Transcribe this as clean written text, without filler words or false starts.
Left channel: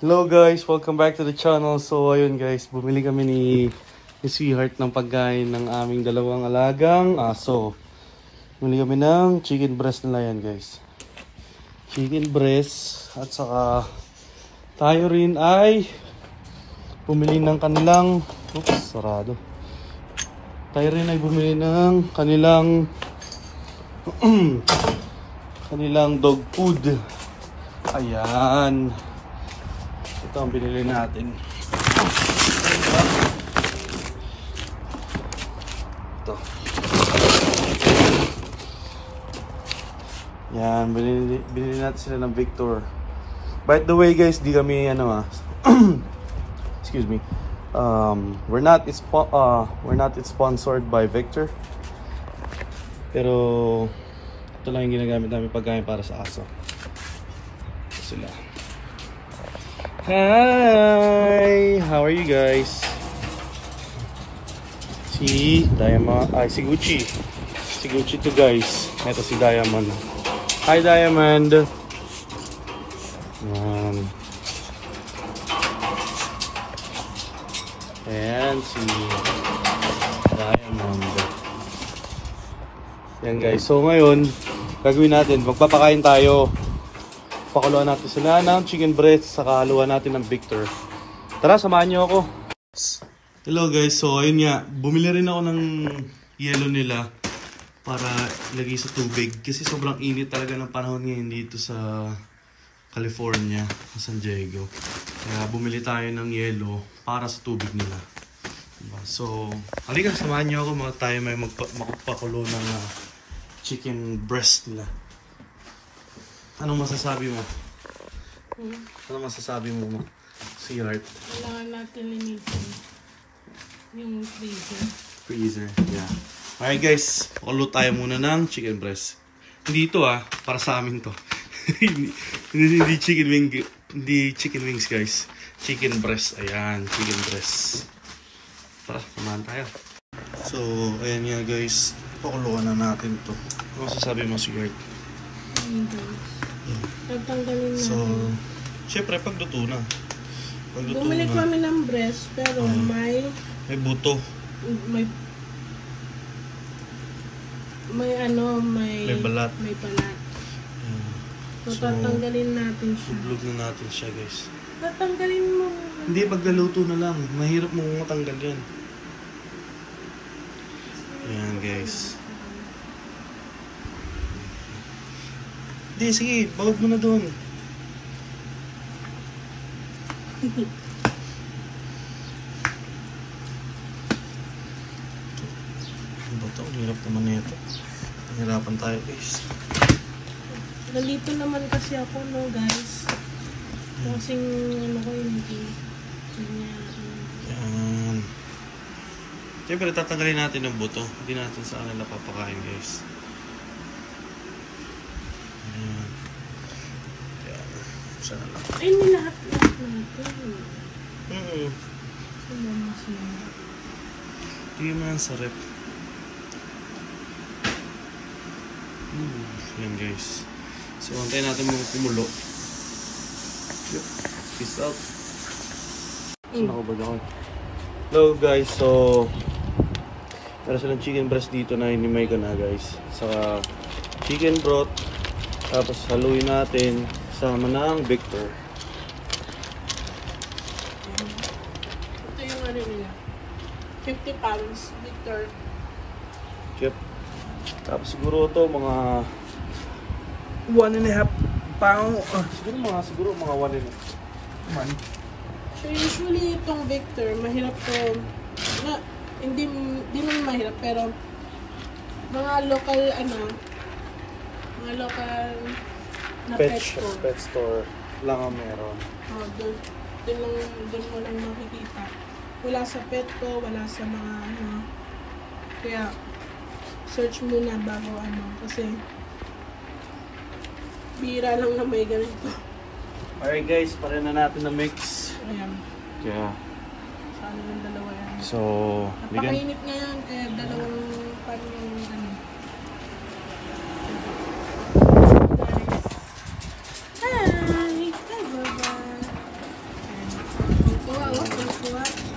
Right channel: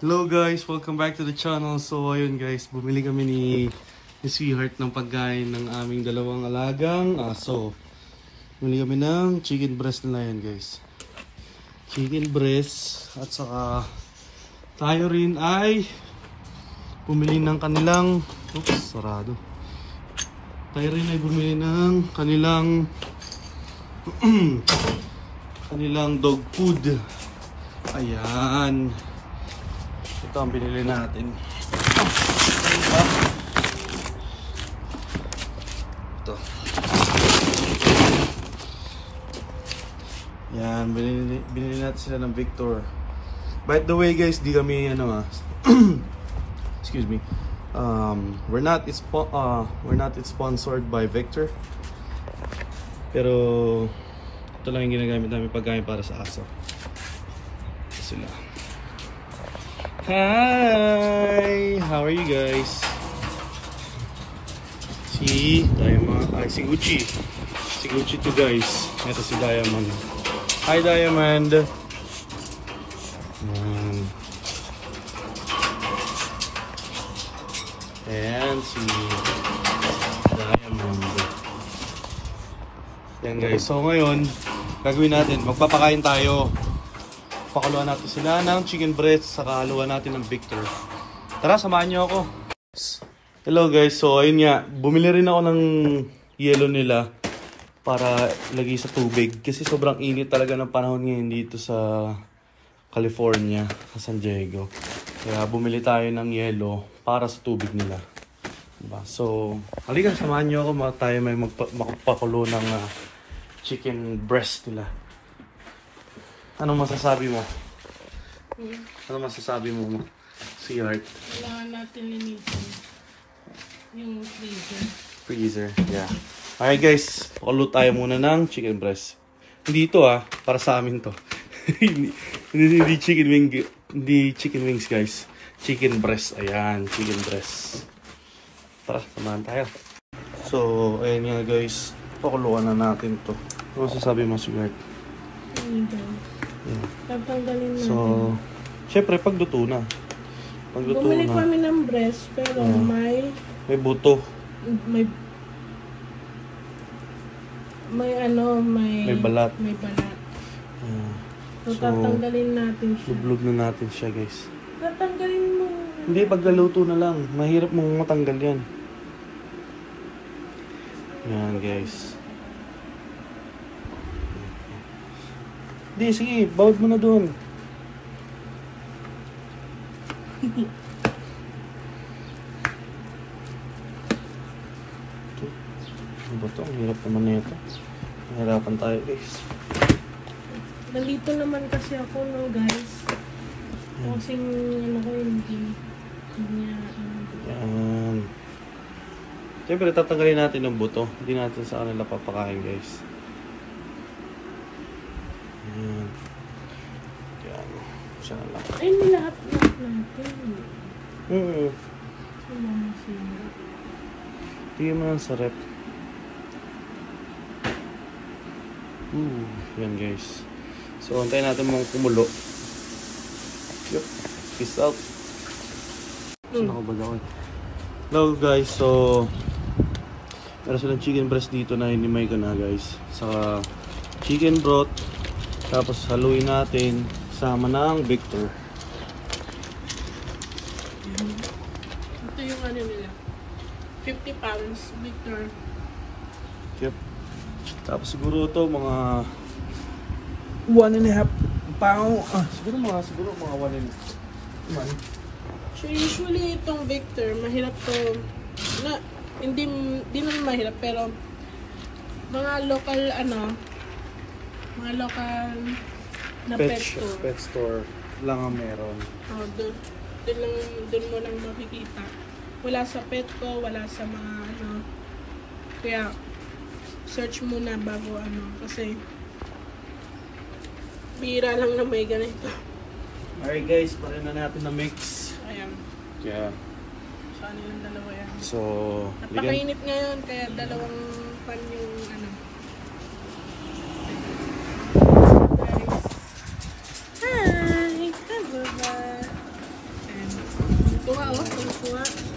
Hello guys, welcome back to the channel. So ayun guys, bumili kami ni Sweetheart ng pagkain ng aming dalawang alagang aso. Bumili kami ng chicken breast nila yan guys. Chicken breast at saka tayo rin ay bumili ng kanilang sarado. Tayo rin ay bumili ng kanilang dog food. Ayan. Ito ang binili natin. Ito. Yan, binili natin sila ng Victor. By the way guys, di kami excuse me. We're not sponsored by Victor. Pero ito lang yung ginagamit namin pagkain para sa aso. Ito sila. Hi! How are you guys? Si Diamond, si Gucci. Si Gucci to guys. Ito si Diamond. Hi Diamond! Ayan. Ayan si Diamond. Ayan guys. So ngayon, gagawin natin, magpapakain tayo. Pakuluan natin sila ng chicken breast, saka haluan natin ng Victor. Tara, samahan niyo ako. Hello guys, so ayun nga, bumili rin ako ng yelo nila para lagay sa tubig. Kasi sobrang init talaga ng panahon ngayon dito sa California, sa San Diego. Kaya bumili tayo ng yelo para sa tubig nila. Diba? So, halika, samahan niyo ako, tayo may magpakulo ng chicken breast nila. Anong masasabi mo? Anong masasabi mo, Sweetheart? Kailangan natin linisin yung freezer. Freezer, yeah. Okay guys, pakulo tayo muna ng chicken breast. Hindi ito para sa amin to. hindi chicken wings guys. Chicken breast, ayan, chicken breast. Tara, samahan tayo. So, ayan nga guys, pakuluan na natin to. Ano masasabi mo, Sweetheart? Pagtanggalin natin. So, syempre pagluto na. Bumili kami ng breast pero may buto. May balat. May balat. So, tatanggalin natin siya. Itlog na natin siya guys. Tatanggalin mo. Hindi, pagluto na lang. Mahirap mong matanggal yan. Yan guys. Hindi, sige, bawag mo na doon. Ano ba ito? Ang hirap naman na ito. Nahirapan tayo guys. Nalito naman kasi ako no guys. Kasing ko yun. Yan. Siyempre tatanggalin natin ng buto. Hindi natin sa kanila papakain guys. Sana lang. Ay, may lahat. Tingnan mo yan sa rep. Yan guys. So, antayin natin mga kumulo. Yup. Peace out. Saan ako ba daw? Hello guys. So, meron silang chicken breast dito na hinimay ko na guys. Saka chicken broth. Tapos haluin natin sama ng Victor. Ito yung nila. 50 pounds Victor. Yep. Tapos siguro ito mga 1.5 pound. Siguro mga 1.5 man. So usually itong Victor, mahirap to na hindi naman mahirap pero mga local na pet store lang ang meron. Doon mo lang makikita. Wala sa Petco, wala sa mga kaya search muna bago kasi bira lang na may ganito. Alright guys, pare na natin na mix. Ayan. Kaya yung dalawa yan. So, napakainit ngayon kaya dalawang pan yung oh. Tuwa.